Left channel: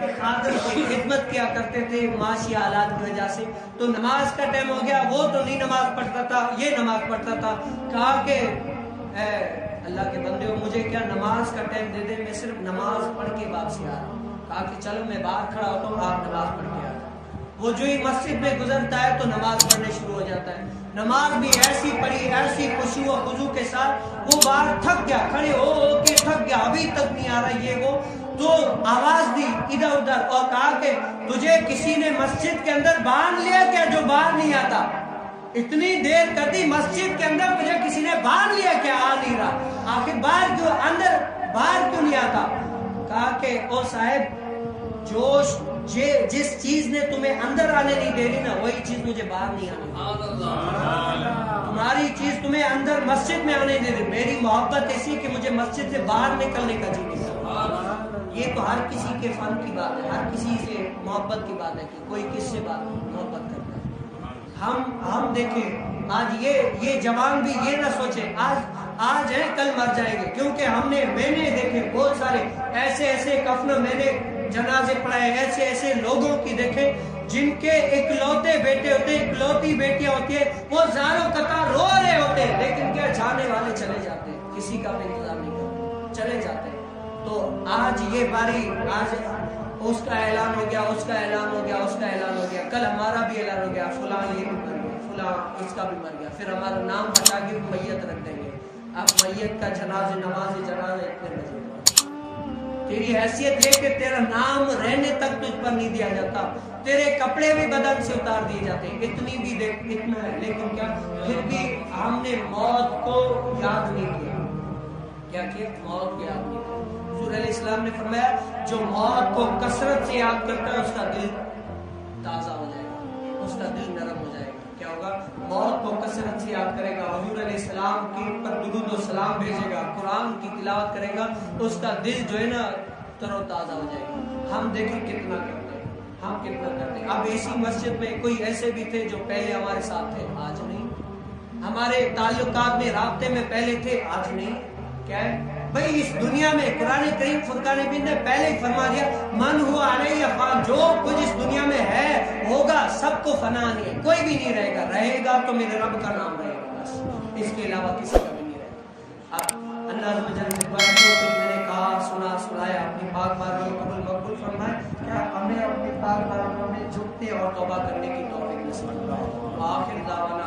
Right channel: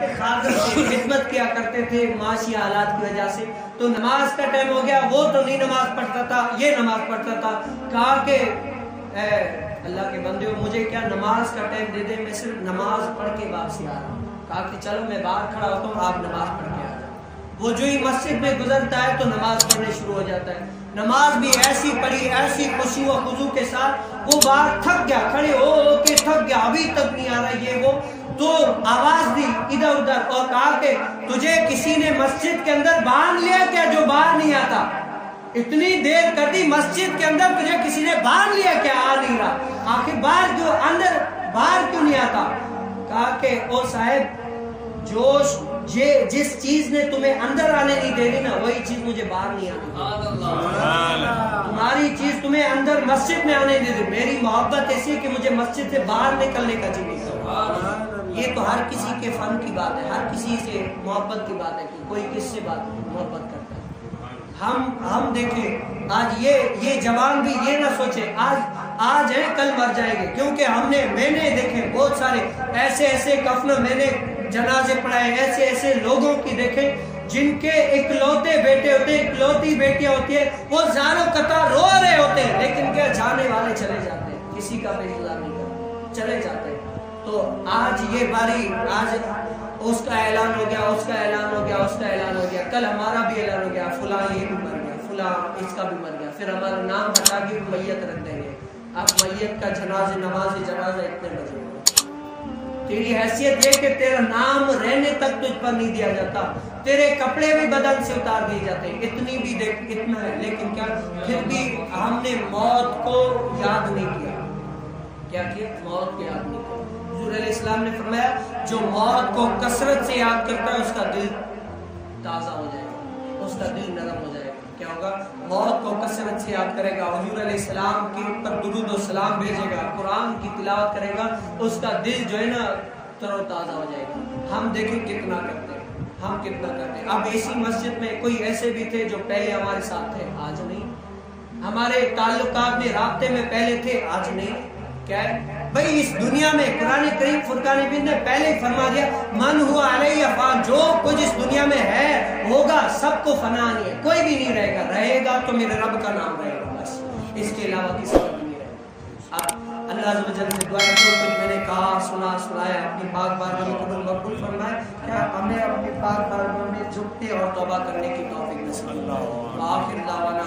کے خادم کی خدمت کیا کرتے تھے معاشی حالات کی وجہ سے، تو نماز کا ٹائم ہو گیا، وہ تو نہیں نماز پڑھتا تھا، یہ نماز پڑھتا تھا۔ کہا کہ اے اللہ کے بندے ہو، مجھے کیا نماز کا ٹائم دے دیں، میں صرف نماز پڑھ کے واپسی آ رہا ہوں۔ کہا کہ چلو میں باہر کھڑا ہوتا ہوں، آپ نماز پڑھ کے آ جائیں۔ وہ جو ہی مسجد میں گزرتا ہے تو نماز پڑھنے شروع ہو جاتا ہے۔ نماز بھی ایسی پڑھی، ایسی خشوع و خضوع کے ساتھ، وہ باہر تھک گیا، کھڑے ہو کے تھک گیا، ابھی تک نہیں آ رہا یہ وہ، تو آواز دی ادھر ادھر اور کہا کہ تجھے کسی نے مسجد کے اندر باندھ لیا کیا جو باہر نہیں آتا؟ اتنی دیر کر دی مسجد کے اندر، تجھے کسی نے باندھ لیا کیا آ نہیں رہا؟ آخر باہر کیوں اندر باہر کیوں نہیں آتا؟ کہا کہ او صاحب، جس چیز نے تمہیں اندر آنے نہیں دے رہی نا، وہی چیز مجھے باہر نہیں آنے۔ تمہاری چیز تمہیں اندر مسجد میں آنے دے رہی، میری محبت ایسی کہ مجھے مسجد سے باہر نکلنے کا جی۔ یہ تو ہر کسی کے فن کی بات ہے، ہر کسی سے محبت کی بات ہے کہ کوئی کس سے محبت کرتا ہے۔ ہم دیکھیں آج یہ جوان بھی یہ نہ سوچے آج ہے کل مر جائیں گے، کیونکہ میں نے دیکھے بہت سارے ایسے کفن، میں نے جنازے پڑھائے ایسے لوگوں کی دیکھیں جن کے اکلوتے بیٹے ہوتے ہیں، اکلوتی بیٹیاں ہوتی ہیں، وہ زاروں قطار رو رہے ہوتے ہیں، لیکن کیا جانے والے چلے جاتے ہیں، کسی کا نہیں چلے جاتے ہیں۔ تو آج یہ باری، آج اس کا اعلان ہو گیا، اس کا اعلان ہو گیا، اس کا اعلان ہو گیا، کل ہمارا بھی اعلان ہو گیا، فلاں یہ بھی مر گیا، فلاں اس کا بھی مر گیا، پھر ہمارا نام بتا کے میت رکھ دیں گے۔ اب میت کا نماز جنازہ اتنے بجے، تیری حیثیت یہ کہ تیرا نام رہنے تک تجھ پر نہیں دیا جاتا، تیرے کپڑے بھی بدن سے اتار دیے جاتے ہیں، اتنی بھی اتنا ہے، لیکن کیا پھر بھی ہم نے موت کو یاد نہیں کیا۔ کیا کیا؟ موت کو یاد نہیں کیا۔ حضور علیہ السلام نے فرمایا جو موت کو کثرت سے یاد کرتا ہے اس کا دل تازہ ہو جائے گا، اس کا دل نرم ہو جائے گا۔ کیا ہوگا؟ موت کو کثرت سے یاد کرے گا، حضور علیہ السلام کی پر درود و سلام بھیجے گا، قرآن کی تلاوت کرے گا، تو اس کا دل جو ہے نا تر و تازہ ہو جائے گا۔ ہم دیکھیں کتنا کرتے ہیں، ہم کتنا کرتے ہیں۔ اب اسی مسجد میں کوئی ایسے بھی تھے جو پہلے ہمارے ساتھ تھے، آج نہیں۔ ہمارے تعلقات میں رابطے میں پہلے تھے، آج نہیں۔ کیا ہے بھائی؟ اس دنیا میں قرآن کریم فرقان حمید نے پہلے ہی فرما دیا، من ہوا علیہ فان، جو کچھ اس دنیا میں ہے ہوگا، سب کو فنا نہیں ہے، کوئی بھی نہیں رہے گا، رہے گا تو میرے رب کا نام رہے گا، بس اس کے علاوہ کسی کا نہیں ہے۔ اللہ عز و جل سے دعا ہے کہ میں نے کہا سنایا اپنی پاک بارگاہ میں قبول مقبول فرمائے، کہ ہمیں اپنی پاک بارگاہ میں جھکتے اور توبہ کرنے کی توفیق نصیب فرمائے۔ آخر دعوانا